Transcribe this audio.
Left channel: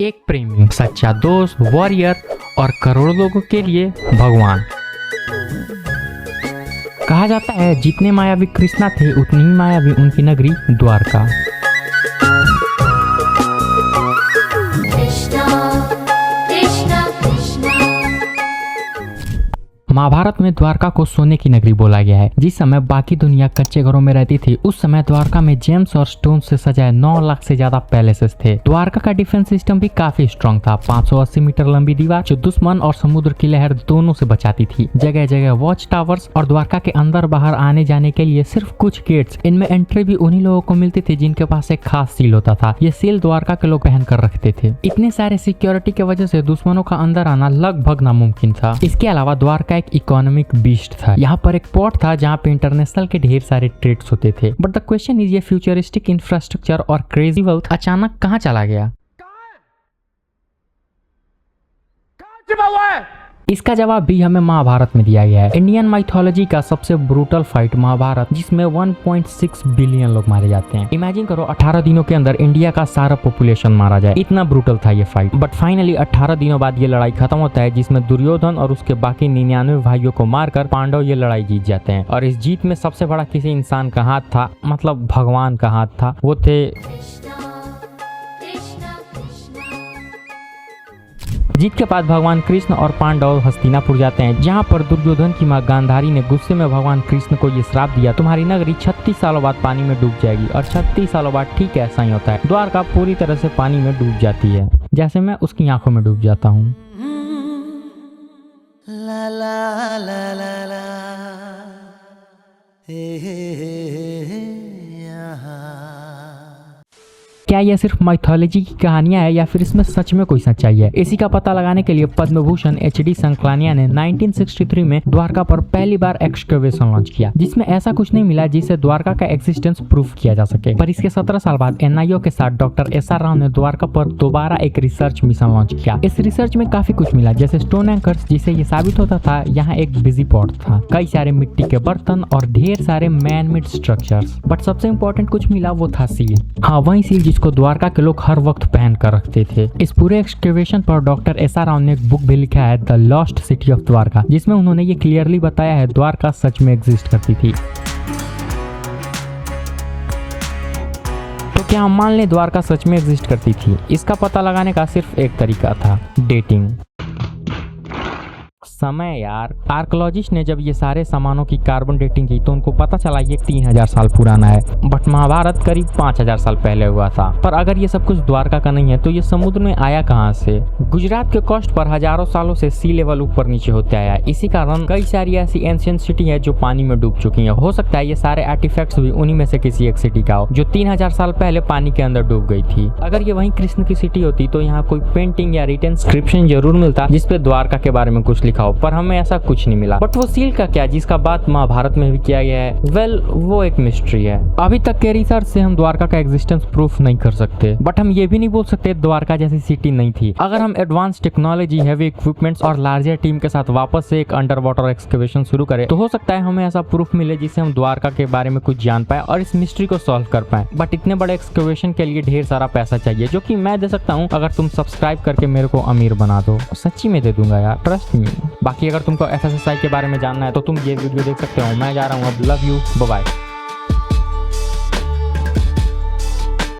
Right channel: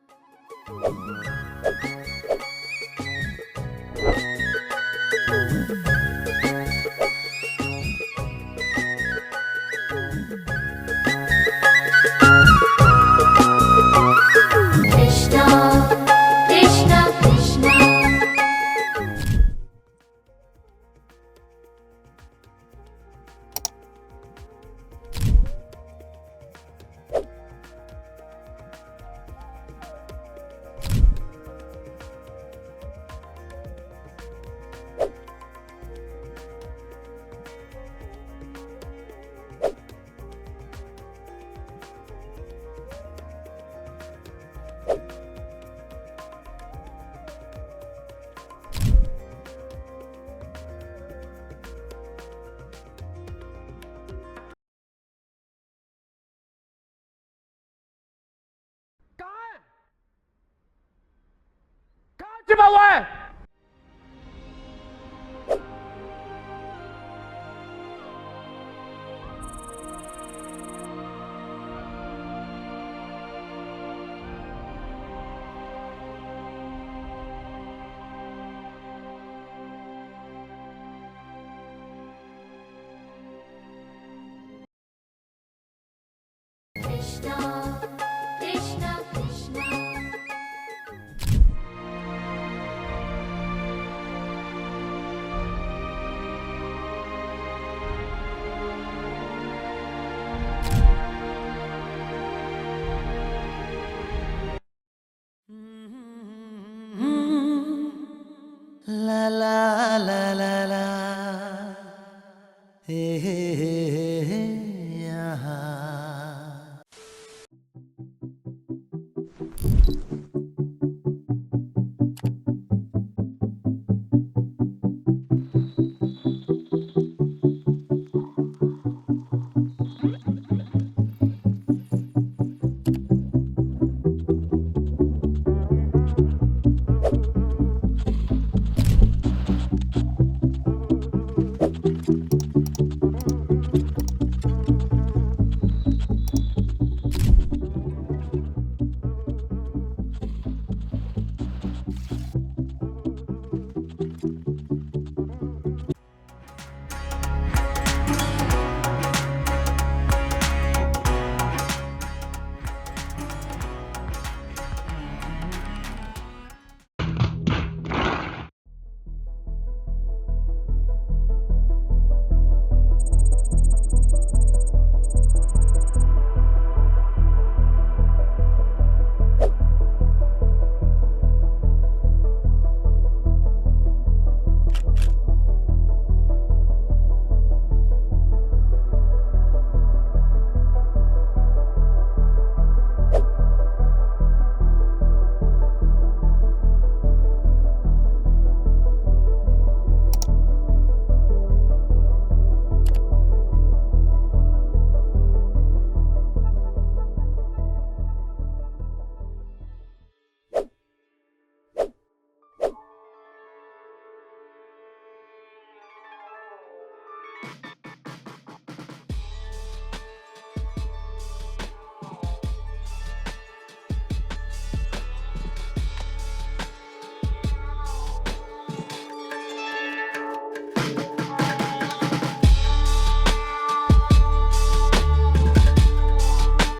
एक प्रेमी, सच्चा दोस्त, वॉरियर और करोड़ों लोगों के लिए भगवान। कहा जाता है जितने मायावी कृष्णा थे उतनी ही मायावी उनकी नगरी द्वारका। महाभारत में द्वारका को सोने की नगरी बोला गया है। जिस समय बाकी दुनिया कच्चे घरों में रहती थी, उस समय द्वारका में जेम्स और स्टोन से सजाए 9 लाख से ज्यादा पैलेसेस थे। द्वारका का डिफेंस सिस्टम भी काफी स्ट्रॉन्ग था। 580 मीटर लंबी दीवार जो दुश्मन और समुद्र की लहर दोनों से बचाती थी। जगह जगह वॉच टावर्स और द्वारका के अंदर बाहर आने जाने के लिए सिर्फ कुछ गेट्स। इनमें एंट्री भी उन्हीं लोगों को मिलती थी जिनके पास एक खास सील होता था। ये सील द्वारका के लोग पहन कर रखते थे। इतने सारे सिक्योरिटी की वजह से दुश्मनों का अंदर आना लगभग नामुमकिन था। इसके अलावा द्वारका एक इकोनॉमिक बीस्ट था। यहाँ पर एक पोर्ट था जहाँ पे इंटरनेशनल के ढेर सारे ट्रेड्स होते थे। बट द क्वेश्चन इज, ये फ्यूचरिस्टिक इंफ्रास्ट्रक्चर और क्रेजी वेल्थ अचानक कहाँ चला गया? इसका जवाब भी हमें महाभारत में दिया गया है। इंडियन माइथोलॉजी का सबसे ब्रूटल फाइट महाभारत, जिसमें 1.6 बिलियन लोग मारे जाते हैं। इमेजिन करो 18 दिनों के अंदर इंडिया का सारा पॉपुलेशन मारा जाए। इतना ब्रूटल था ये फाइट। बट फाइनली 18 दिनों बाद ये लड़ाई खत्म होता है, जिसमें दुर्योधन और उसके बाकी 99 भाइयों को मारकर पांडव ये लड़ाई जीत जाते हैं। और इस जीत में सबसे बड़ा किसी इंसान का हाथ था, मतलब भगवान का हाथ था। वो थे जीत के बाद भगवान कृष्ण और पांडव हस्तिनापुर जाते हैं, जहाँ पर दुर्योधन की मां गांधारी ने गुस्से में भगवान कृष्ण को ये श्राप दिया, तुम्हारी नगरी 36 सालों बाद पानी में डूब जाएगी। और 36 सालों बाद ठीक है, ऐसा ही होता है। द्वारका पूरी तरह से पानी में डूब जाती है, जैसे मैं उसकी आंखों में डूब जाता हूँ। ला ला ला ला ला क्या यह सिर्फ माइथोलॉजी की कहानियां है या फिर इसमें सच में कोई सच्चाई है? इसी का पता लगाने के लिए पद्म भूषण HD संकलानिया ने 1963 में द्वारका पर पहली बार एक्सकवेशन लॉन्च किया, जिसमें ऐसा कुछ नहीं मिला जिससे द्वारका का एक्सिस्टेंस प्रूफ किया जा सके। पर इसके 17 साल बाद NIO के साथ डॉक्टर SR राव ने द्वारका पर दोबारा एक रिसर्च मिशन लॉन्च किया। इस रिसर्च में काफी कुछ मिला, जैसे स्टोन एंकर्स, जिससे ये साबित होता था यहाँ एक बिजी पोर्ट था, कई सारे मिट्टी के बर्तन और ढेर सारे मैन मेड स्ट्रक्चर्स। बट सबसे इम्पोर्टेंट कुछ मिला, वो था सील। हाँ, वही सील को द्वारका के लोग हर वक्त पहन कर रखते थे। इस पूरे एक्सकवेशन पर डॉक्टर SR राव ने एक बुक भी लिखा है, the lost city of Dwarka, जिसमें उन्होंने ये क्लियरली बताया है द्वारका सच में एग्जिस्ट करती थी। तो क्या हम मान लें द्वारका सच में एग्जिस्ट करती थी? इसका पता लगाने का सिर्फ एक तरीका था, डेटिंग। समय यार, आर्कोलॉजिस्ट ने जब ये सारे सामानों की कार्बन डेटिंग की तो उनको पता चला ये 3000 साल पुराना है। बट महाभारत करीब 5000 साल पहले हुआ था। पर अगर ये सब कुछ द्वारका का नहीं है तो ये समुद्र में आया कहाँ से? गुजरात के कोस्ट पर हजारों सालों से सी लेवल ऊपर नीचे होते आया है। इसी कारण कई सारी ऐसी एंशिएंट सिटी है जो पानी में डूब चुकी है। हो सकता है ये सारे आर्टिफैक्ट्स भी उन्हीं में से किसी एक सिटी का हो, जो 3000 साल पहले पानी के अंदर डूब गई थी। अगर ये वही कृष्ण की सिटी होती तो यहाँ कोई पेंटिंग या रिटन इंस्क्रिप्शन जरूर मिलता जिसपे द्वारका के बारे में कुछ लिखा, पर हमें ऐसा कुछ नहीं मिला। बट वो सील का क्या, जिसका बात महाभारत में भी किया गया है? वेल, वो एक मिस्ट्री है। अभी तक के रिसर्च से हम द्वारका का एग्जिस्टेंस प्रूफ नहीं कर सकते, बट हम ये भी नहीं बोल सकते द्वारका जैसी सिटी नहीं थी। अगर हम एडवांस टेक्नोलॉजी, हैवी इक्विपमेंट्स और लार्जर टीम के साथ वापस से एक अंडर वाटर एक्सकवेशन शुरू करें तो हो सकता है हमें ऐसा प्रूफ मिले जिससे हम द्वारका के बारे में कुछ जान पाए और इस मिस्ट्री को सॉल्व कर पाए। बट इतने बड़े एक्सकवेशन के लिए ढेर सारा पैसा चाहिए, जो कि मैं दे सकता हूँ अगर तुम सब्सक्राइब करके मेरे को अमीर बना दो। सच्ची में दे दूंगा यार, ट्रस्ट मी। बाकी अगर तुमको SSSI के बारे में जानना है तो तुम ये वीडियो देख सकते हो। मैं जा रहा हूँ अब, लव यू, बाय बाय।